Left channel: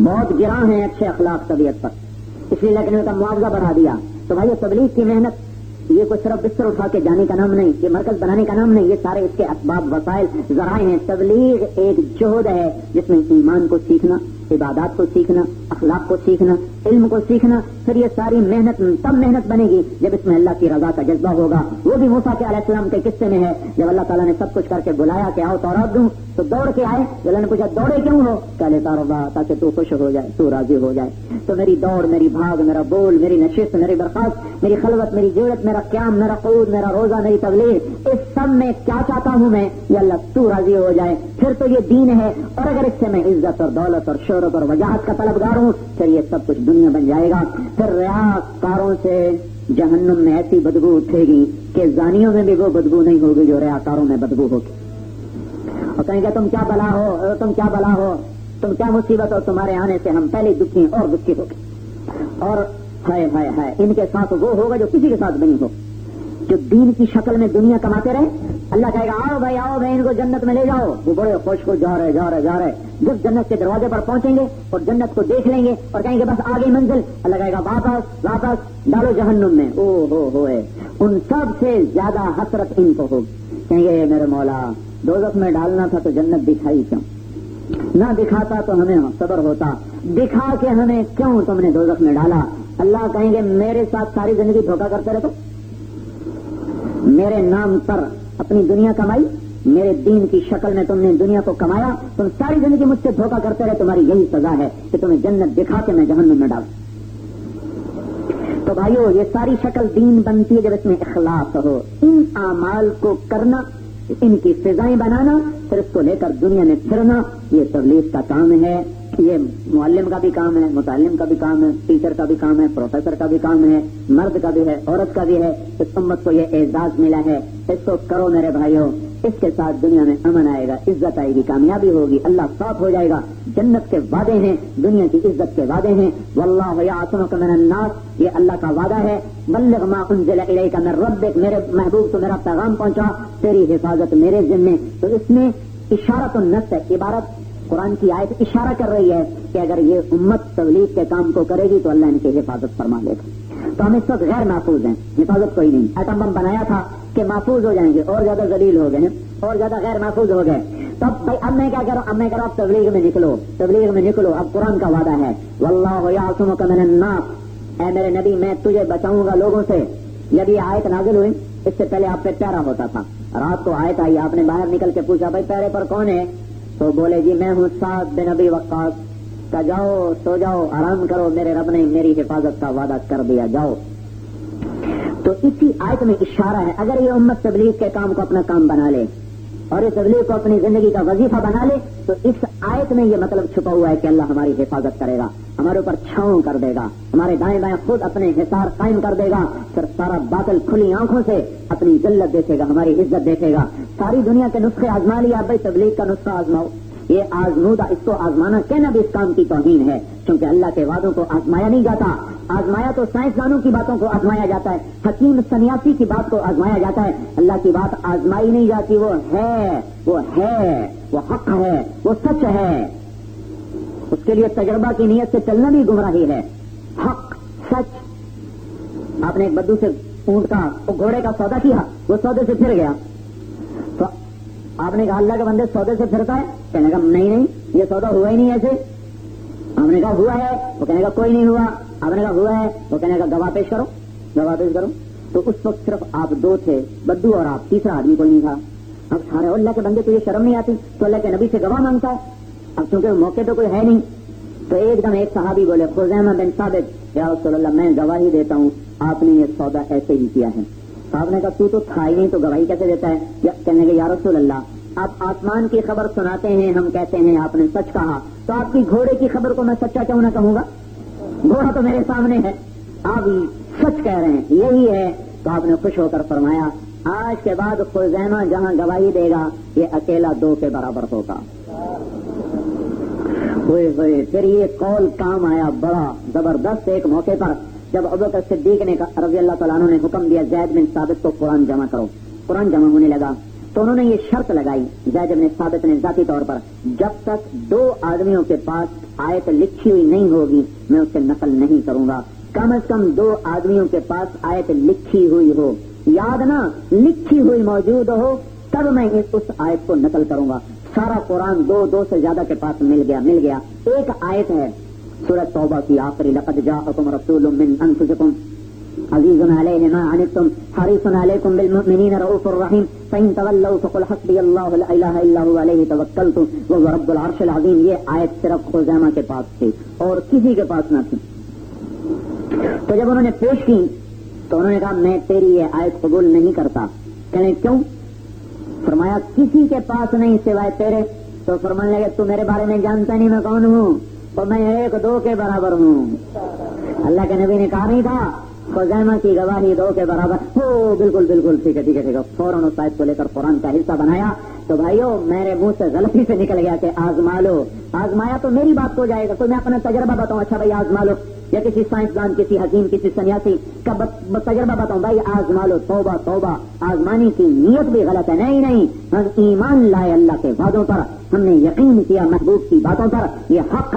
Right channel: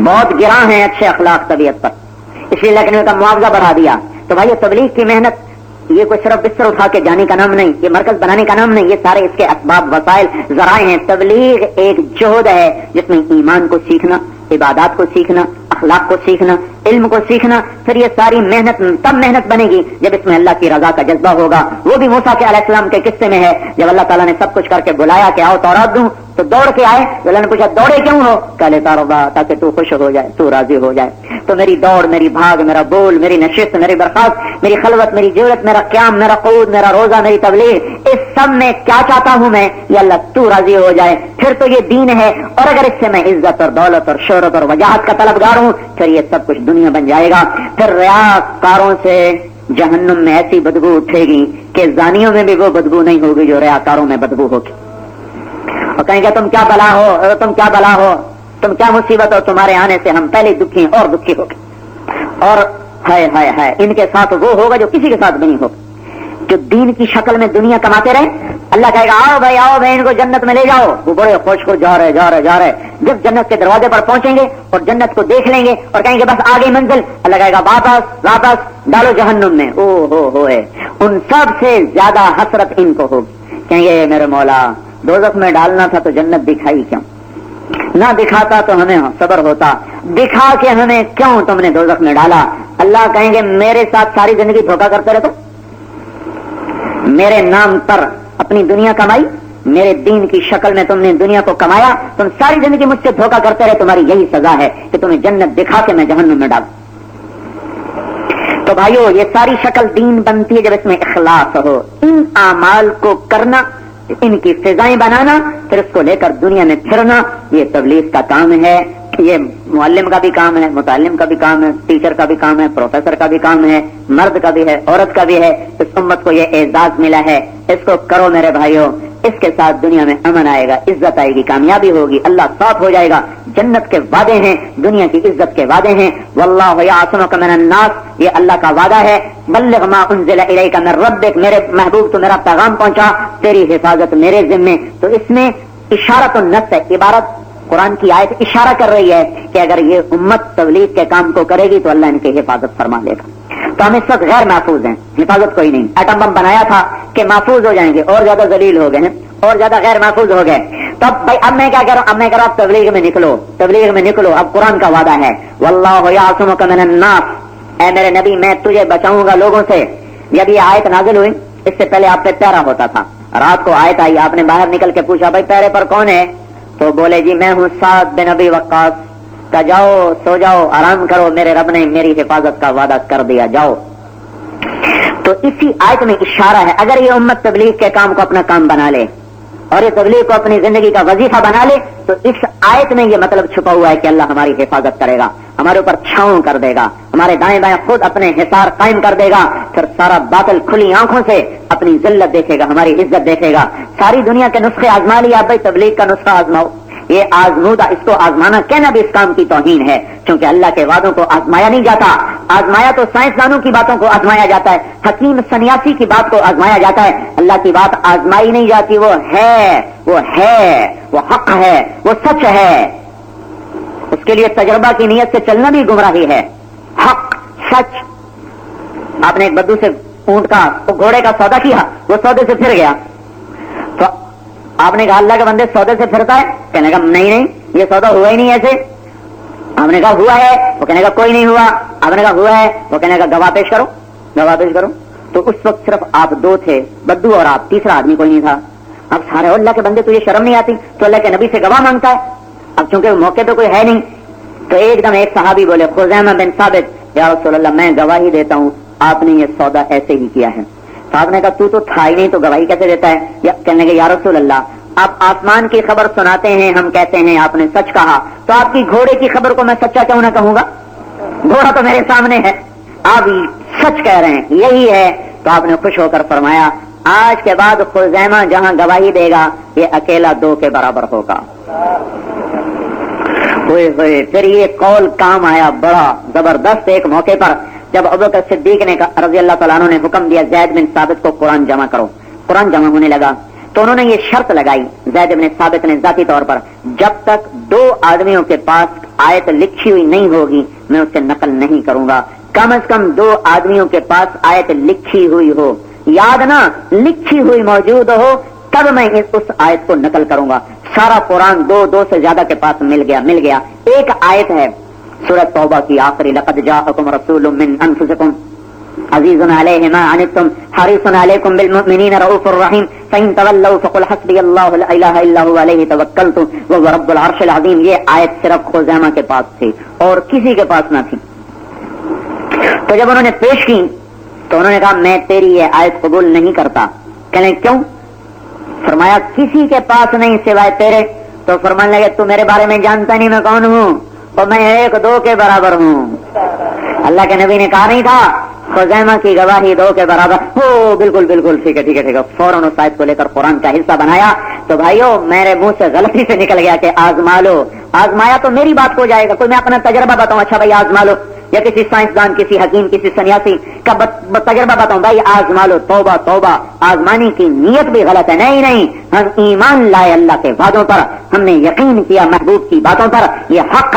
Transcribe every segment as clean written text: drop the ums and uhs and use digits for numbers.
بہت گراں ہیں اچھے اخلاق طبیعت پر، اس لیے لیکن ان کا معاوضہ بڑھا دیا. تو بھائی تبلیغ کی محنت یہ کوئی صرف بستر اٹھا کے جانے کا نام نہیں، یہ مرکز بنانے کا نام نہیں، یہ سارے اس کے اسباب وسائل ذرائع ہیں. تبلیغ ایک جہد ہے جس میں ایمان کو سیکھنا، عبادات کو سیکھنا، اخلاق کو سیکھنا، علم کو سیکھنا. پھر یہ ساری محنت تب محنت بنے گی جب اس میں اللہ کی رضا کا جذبہ ہوگا. وہ بھی موسیٰ کے علیہ السلام کے قصے میں ہے، جب اللہ تعالیٰ نے سب کچھ کر کے بلایا کہ آؤ تورات دوں تو دوڑ کے آئے. اللہ نے پوچھا دوڑے کیوں ہو؟ کہلے تاربا تاکہ تو خوش ہو جائے، تو راضی ہو جائے. تو میری دوڑ، میری بھاگ، میرا بول، میری نشست، میری برخاست، میری خلوت، میری جرت، میرا قیام، میرا قعود، میرا روزہ، میری تبلیغ، اس سب میں کیا چاہتا ہوں میں؟ یہ اللہ تو راضی ہو جائے. پھر تو یہ دین ہے. اور اگر اس سے میں عزت اور دولت اور شہرت اور وجاہت کا طلبگار ہوں پھر یہ سب کچھ دنیا بن جائے گا. پھر ریاکاروں سے جہنم میں ایسی بدبو اٹھے گی کہ زانیوں میں بھی وہ بدبو نہیں ہوگی جو ریاکاروں میں بدبو ہوگی. اور کہیں گے تم کیا بلا ہو، تم کیا بلا ہو، تم کیا مصیبت ہو، تمہارے آنے سے ہم پہلے دکھی اور دکھی ہو گئے. اور ہائے ہائے ہائے ان کے ساتھ وہ ہوگا جو کسی کے ساتھ بھی نہیں ہوگا، جو دین کی شکل میں دنیا کماتے رہے. اللہ کہے گا آؤ بھائی ان کو جنت میں لے جاؤ. وہ بڑے خوش کو جا رہے. جب جنت کے دروازے پر پہنچیں گے اور جنت کو دیکھ لیں گے اور کہیں گے بس آگے منزل، اللہ کہے گا واپس ڈالو جہنم میں. او ہوئے ان سب سے زیادہ حسرت ان کو ہوگی. کہیں گے میرے مولا دوزخ میں ڈالنا تھا تو جنت دکھائی کیوں؟ نہ دکھاتا تو ہمیں صبر ہوتا، دکھا کے ہمیں کیوں تم نے دوزخ میں ڈالا؟ اللہ کہیں گے میرے ساتھ ساری زندگی دھوکہ کرتے رہتے، میرے نام پر اپنی دنیا کمائی، میرے دین کی شکل میں تم نے دنیا کو کمایا، تم ساری زندگی مجھ سے دھوکہ کرتے رہے، تمہاری یہی سزا ہے کہ تمہیں جنت دکھا کے میں جہنم میں ڈالوں. تو بھائیو یہ ساری شکل دین بنتی ہے جب اس میں اخلاص ہو. ان اعمال کو کرنا، ان کی فضائیں بنانا، پھر اس کو لے کر دنیا میں پھرنا، یہ تبلیغ کا کام ہے. یہ معلم کا بھی کام ہے، متعلم کا بھی کام ہے، ٹیچر کا بھی کام ہے، پروفیسر کا بھی کام ہے، مرد کا بھی ہے، عورت کا بھی ہے. اس امت کو یہ اعزاز ملا ہے، اس کو کرو میرے بھائیوں. اس کے ساتھ دنیا میں امن آئے گا، عزت آئے گی، کامیابی ہوگی، اللہ ساتھ ہو جائے گا. جنت کے وعدے ہیں، دنیا کی عزت کے وعدے ہیں. واللہ یعصمک من الناس، یہ اللہ کا وعدہ ہے. بلغ ما انزل الیک من ربک، میرے محبوب تو میرا پیغام پہنچا، تیری حفاظت میرے ذمے. تو اس میں اشارۃ النص ہے، عبارت قرآن کی آیت اشارہ کر رہی ہے کہ اگر یہ امت تبلیغ کے کام کو کرے گی تو اللہ ان کی حفاظت فرما لے گا. تو ہم اس وقت غیر محفوظ ہیں، حفاظت کوئی نہیں. ایٹم بم بنایا تھا کہ محفوظ ہو جائیں گے، اور زیادہ ذلیل ہو گئے ہیں، اور زیادہ غیر محفوظ ہو گئے. تو اب میں کیا کروں؟ اب میں کہہ رہا ہوں تبلیغ میں نکلو، تبلیغ میں نکلو. اب قرآن کا وعدہ ہے واللہ یعصمک من الناس، اے میرے نبی میں تجھے بچاؤں گا لوگوں سے. جب یہ آیت نازل ہوئی اس سے پہلے آپ پہ پیرا ہوتا تھا. رات کو آیت آئی، آپ نے باہر نکل کے پوچھا بھائی پیرے پر کون ہے؟ تو بولے جی میں ہوں سعد بن ابی وقاص. کہ جاؤ سو جاؤ آرام کرو، میرے رب نے میری حفاظت کا وعدہ کر دیا، جاؤ. تو اسی آیت میں اشارہ ہے اگر یہ امت تبلیغ کے کام کو اپنا کام بنا لے اور یہ تبلیغ کو اپنی زندگی کا وظیفہ بنا لے تو اس آیت میں یہ مطلب چھپا ہوا ہے کہ اللہ ہماری حفاظت کرے گا، ہمارے اوپر چھاؤں کر دے گا، ہمارے دائیں بائیں خود اپنے حصار قائم کر دے گا. پھر سارا باطل کھلی آنکھوں سے اپنی ذلت دیکھے گا، ہماری عزت دیکھے گا. ساری دنیا کے نسخے آزما لیا، بھائی تبلیغ کا نسخہ آزماؤ. یہ آزمودہ، اس کو آزمانا کہنا بھی اس کام کی توہین ہے، کیونکہ اللہ کے وعدوں کو آزمایا نہیں جاتا. آزمایا تو سائنسدانوں کی باتوں کو آزمایا جاتا ہے، حکیم سنیاسی کی بات کو آزمایا جاتا ہے. اللہ کی بات آزمائی نہیں جاتی، وہ ہے، وہ حق ہے، وہ سچ ہے. اس کے لیے تجربہ کی نیت سے چلنا بھی گمراہی ہے. حق سچ. آپ نے ایک بدو سے اونٹ کا گھوڑے کا سودا کیا، وہ سودے سے پھر گیا. تو آپ نے کہا اللہ کے بندے سودے سے پھرتا ہے؟ کہنے کا نہیں یہ سودا ہوا ہی نہیں ایسے. آپ نے کہا ہوا ہے؟ وہ کہنے کا کوئی نہیں ہوا. آپ نے کہا ہوا ہے؟ وہ کہنے کا گواہ پیش کرو، گواہ پیش کرو. تو اس وقت صرف آپ دو تھے، بدو اور آپ، تیسرا آدمی کوئی نہیں تھا. اب سارے اللہ کے بندے تجھے شرم نہیں آتی؟ تو اللہ کے نبی سے گواہ مانگتا ہے. اب چونکہ موقع پہ کوئی ہے نہیں تو ایک دم ایک صحابی بولے خزیمہ بن ثابت، یا رسول اللہ میں گواہی دیتا ہوں آپ نے یہ سودا ایسے ہی کیا ہے. صاحب نے کہا تو تھا ہی نہیں تو گواہی کیسے دیتا ہے؟ کہنے کے یا رسول اللہ آپ آسمان کی خبر سناتے ہیں، ہم کہتے ہیں آپ نے سچ کہا، تو آپ کی گھوڑے کی خبر کو میں سچا کیوں نہ کہوں گا؟ گھوڑا تو میرے سامنے ہے، آپ سچ کہہ رہے ہیں، یہی ہے. تو آپ نے خوش ہو کر فرمایا آج کے بعد خزیمہ جہاں گواہی دے گا یہ اکیلا 2 کے برابر ہوگا. ہوئے ہوئے پھر یہ قول کام آیا بڑا زبردست. ایک موقع پر جب ابوبکر صدیق نے رضی اللہ تعالیٰ عنہ نے حکم دیا زید بن ثابت کو قرآن جمع کرو، قرآن جمع ہونے لگا تو انہوں نے یہ شرط لگائی زید بن ثابت نے ذاتی طور پر، جب تک 2 آدمیوں کے پاس آیت لکھی ہوئی نہیں ہوگی میں اسے نقل نہیں کروں گا. کم از کم 2 آدمیوں کے پاس آیت لکھی ہوئی ہو, یاد نہ لکھی ہوئی موجود ہو, تب میں اس آیت کو نقل کروں گا. سارا قرآن 2 سے زیادہ کے پاس مل گیا. ایک آیت ہے سورہ توبہ کی آخری, لقد جاءکم رسول من انفسکم عزیز علیہ ما عنتم حریص علیکم بالمؤمنین رؤوف الرحیم فإن تولوا فقل حسبی اللہ لا الہ الا هو علیہ توکلت وهو رب العرش العظیم. یہ آیت صرف خزیمہ کے پاس تھی اور کسی کے پاس نہ تھی. تو جب انہوں نے پیش کی تو انہوں نے کہا میں تیری یہ آیت قبول نہیں کرتا. کہنے کیوں؟ فرمایا کسی کے پاس نہیں سوائے تیرے. تو فرمانے لگے تو میرے بارے میں جانتا نہیں میں کون ہوں, اور میں 1-2 کے برابر ہوں. اللہ کے نبی نے کہا نہیں تھا خزیمہ کی گواہی 2 کے برابر ہو؟ بالکل ٹھیک ہے. فوراً اس آیت کو لے کر قرآن کا حصہ بنایا. تو بھائیو میرے منہ سے غلطی سے نکل گیا کہ آزما لو. آزمایا تو میری بات ہو جائے گا, کوئی میں اپنا تجربہ بتاؤں, اچھا بھائی آزما لو, یا کسی سائنسدان, کسی حکیم, کسی سنیاسی کا تجربہ بتاؤں, بھائی آزما لو. توبہ, آزمانے کی نیت بھی غلط ہے. نہیں, ہم ایمان لائے اللہ کے وعدوں پر, ہم نے یقین کیا محبوب کی باتوں پر. یہ حق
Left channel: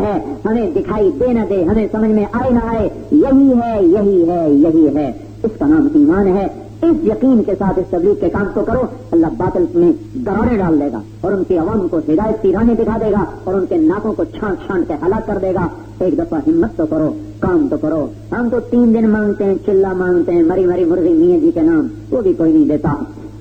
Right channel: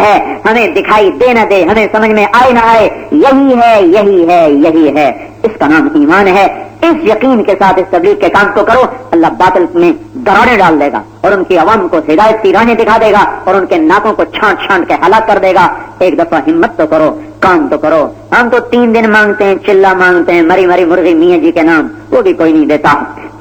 ہے, ہمیں دکھائی دے نہ دے, ہمیں سمجھ میں آئے نہ آئے, یہی ہے. اس کا نام ایمان ہے. اس یقین کے ساتھ اس تبلیغ کے کام کو کرو, اللہ باطل میں دراڑیں ڈال دے گا اور ان کی عوام کو ہدایت کی راہیں دکھا دے گا اور ان کے ناکوں کو چھانٹ کے ہلاک کر دے گا. ایک دفعہ ہمت تو کرو, کام تو کرو. ہم تو 3 دن مانگتے ہیں, چلا مانگتے ہیں, مری مرغی میاں جی کے نام, وہ بھی کوئی نہیں دیتا.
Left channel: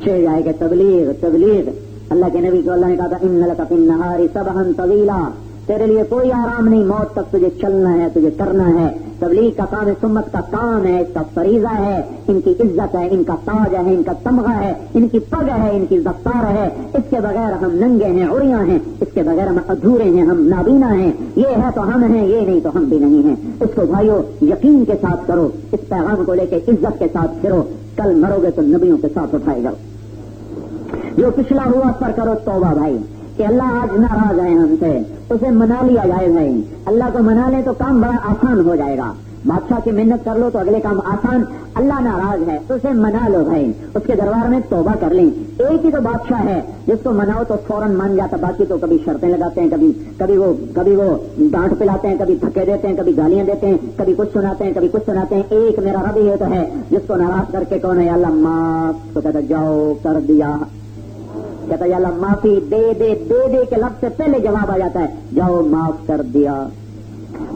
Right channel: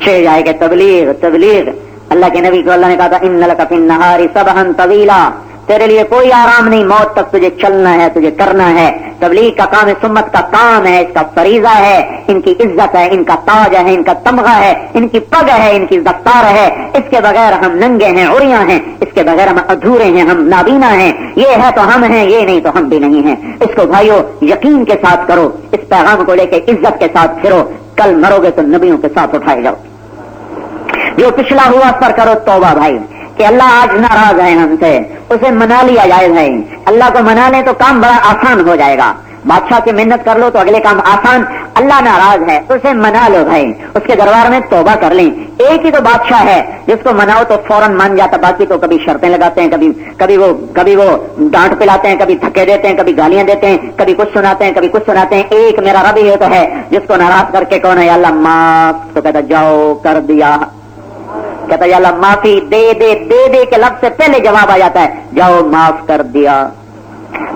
6 جائے کہ تبلیغ. اللہ کے نبی کو اللہ نے کہا تھا ان لک فی النہار سبحا طویلا, تیرے لیے کوئی آرام نہیں, موت تک تجھے چلنا ہے, تجھے کرنا ہے. تبلیغ کا کام سمت کا کام ہے, اس کا فریضہ ہے. ان کی عزت ہے, ان کا تاج ہے, ان کا تمغہ ہے, ان کی پگ ہے, ان کی دفتار ہے. اس کے بغیر ہم ننگے ہیں, عریاں ہیں. اس کے بغیر ہم ادھورے ہیں, ہم نابینا ہیں. یہ ہے تو ہم ہیں, یہ نہیں تو ہم بھی نہیں ہیں. اس کو بھائیو یقین کے ساتھ کرو, اس پیغام کو لے کے عزت کے ساتھ پھرو. کل مرو گے تو نبیوں کے ساتھ اٹھائے جاؤ. جو پچھلا ہوا اس پر کرو توبہ بھائی, کہ اللہ آج ناراض ہے ہم سے, اسے منا لیا جائے بھائی. اللہ کو منا لیں تو کام بڑا آسان ہو جائے گا. بادشاہ کی محنت کر لو تو اگلے کام آسان. اللہ ناراض ہے اسے منا لو بھائی, اس کے دربار میں توبہ کر لیں. ایک ہی تو بادشاہ ہے جس کو مناؤ تو فوراً مان جاتا, باقی تو کبھی شرطیں لگاتے ہیں, کبھی وہ ڈانٹ پلاتے ہیں, کبھی دھکے دیتے ہیں, کبھی گالیاں دیتے ہیں, کبھی کچھ سناتے ہیں. ایک میرا رب ہی تو ہے جس کو ناراض کر کے کون ہے اللہ معاف, تو کہتا جاؤ کر دیا, کہتا یا اللہ معافی دے کے لفظ سے پہلے جواب آ جاتا ہے جاؤ معاف کر دیا.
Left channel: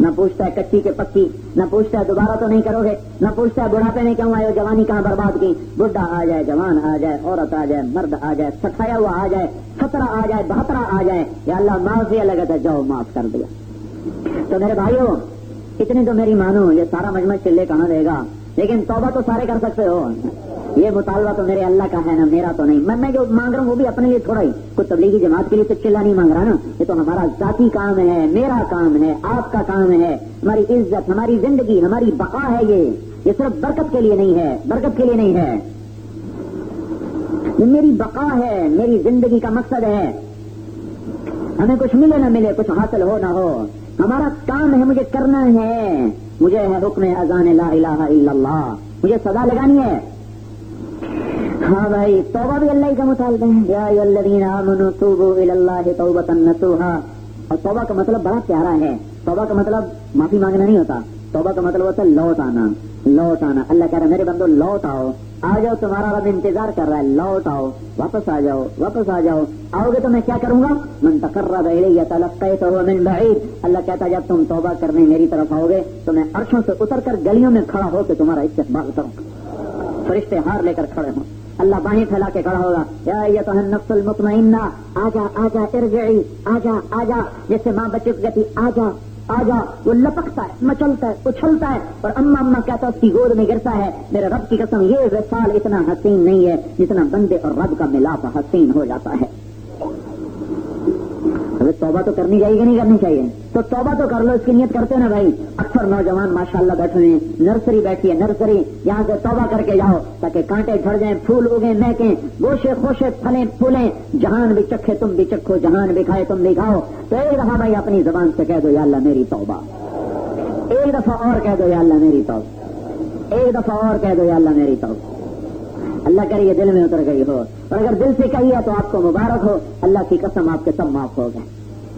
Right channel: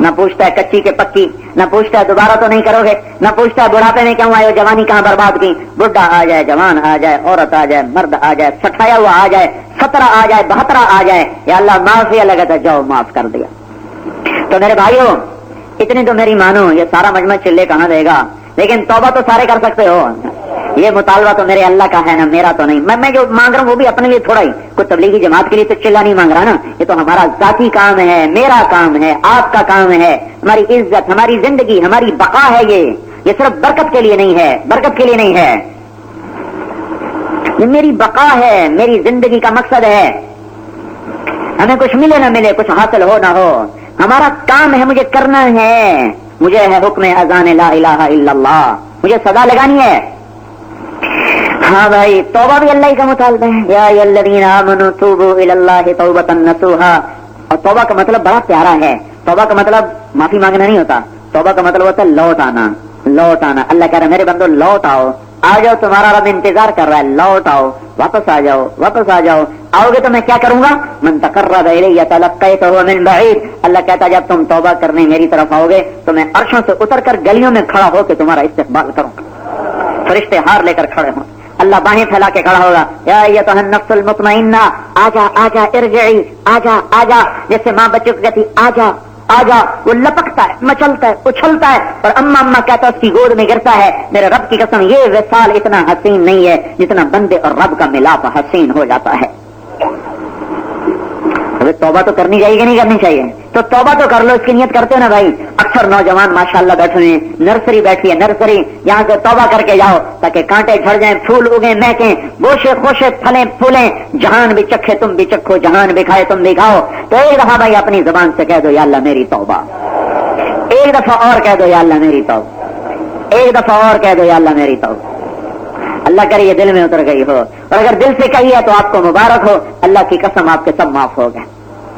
نہ پوچھتا ہے کچی کے پکی, نہ پوچھتا ہے دوبارہ تو نہیں کرو گے, نہ پوچھتا ہے بڑھاپے میں کیوں آئے ہو, جوانی کہاں برباد کی. بڈھا آ جائے, جوان آ جائے, عورت آ جائے, مرد آ جائے, 60 ہوا آ جائے, 17 آ جائے, 72 آ جائے, یا اللہ معافی لگا تھا جاؤ معاف کر دیا. تو میرے بھائیوں اتنی تو میری مانو, یہ سارا مجمع چلے کہاں دے گا, لیکن توبہ تو سارے کر سکتے ہو. یہ مطالبہ تو میرے اللہ کا ہے نا, میرا تو نہیں. میں جو مانگ رہا ہوں وہ بھی اپنے لیے تھوڑا ہی, کوئی تبلیغی جماعت کے لیے تو چلا نہیں مانگ رہا نا. یہ تو ہمارا ذاتی کام ہے, میرا کام ہے, آپ کا کام ہے. ہماری عزت, ہماری زندگی, ہماری بقا ہے. یہ صرف برکت کے لیے نہیں ہے, یہ میری بقا ہے, میری زندگی کا مقصد ہے. ہمیں کچھ ملے نہ ملے, کچھ حاصل ہو نہ ہو, ہمارا کام ہے, مجھے کرنا ہے. مجھے ہے حکم اذان لا الہ الا اللہ, مجھے صدا لگانی ہے. ہاں بھائی توبہ بھی اللہ کا مطالبہ ہے. یا ایھا الذین آمنوا توبوا الی اللہ توبۃ نصوحا. اور توبہ کا مطلب بڑا پیارا ہے. توبہ کا مطلب معافی مانگنا نہیں ہوتا, توبہ کا مطلب ہوتا ہے لوٹ آنا. اللہ کہہ رہا ہے میرے بندو لوٹ آؤ, آ جاؤ, تمہارا رب انتظار کر رہا ہے, لوٹ آؤ, واپس آ جاؤ. آؤ گے تو میں کیا کروں گا, من تقرب الی تلقیتہ من بعید. اللہ کہتا ہے جب تم توبہ کرنے میری طرف آؤ گے تو میں عرشوں سے اتر کر گلیوں میں کھڑا ہو کے تمہارا استقبال کروں گا. فرشتے ہار لے کر کھڑے ہوں, اللہ باہیں پھیلا کے کھڑا ہوگا. یا ایھا النفس المطمئنہ آجا ارجعی, آجا. جیسے ماں بچوں کو کہتی آجا, وہ لپکتا ہے, مچلتا ہے, اچھلتا ہے, اور اما کہتا ہے اس کی گود میں گرتا ہے. میرے رب کی قسم یہ وصال اتنا حسین نہیں ہے جتنا بندے اور رب کا ملاپ حسین ہو جاتا ہے. توبہ تو کرنی چاہیے کہ نہیں کرنی چاہیے؟ تو توبہ تو کر لو, اس کی نیت کرتے ہو نا بھائی. اکثر نوجوان ماشاءاللہ بیٹھے ہیں, نرسری بیٹھی ہے, نرسری, یہاں سے توبہ کر کے جاؤ تاکہ کانٹے جھڑ جائیں, پھول اگیں, مہکیں, گوشے خوشے پھلیں پھولیں. جہان بھی چکھے تم بھی چکھو, جہان بھی کھائے تم بھی کھاؤ. تو ایک دفعہ بھائی اپنی زبان سے کہہ دو یا اللہ میری توبہ, ایک دفعہ اور کہہ دو یا اللہ میری توبہ, ایک دفعہ اور کہہ دو یا اللہ میری توبہ. اللہ کرے یہ دل میں اتر گئی ہو, اور اگر دل سے کہی ہے تو آپ کو مبارک ہو, اللہ کی قسم آپ کے سب معاف ہو گئے.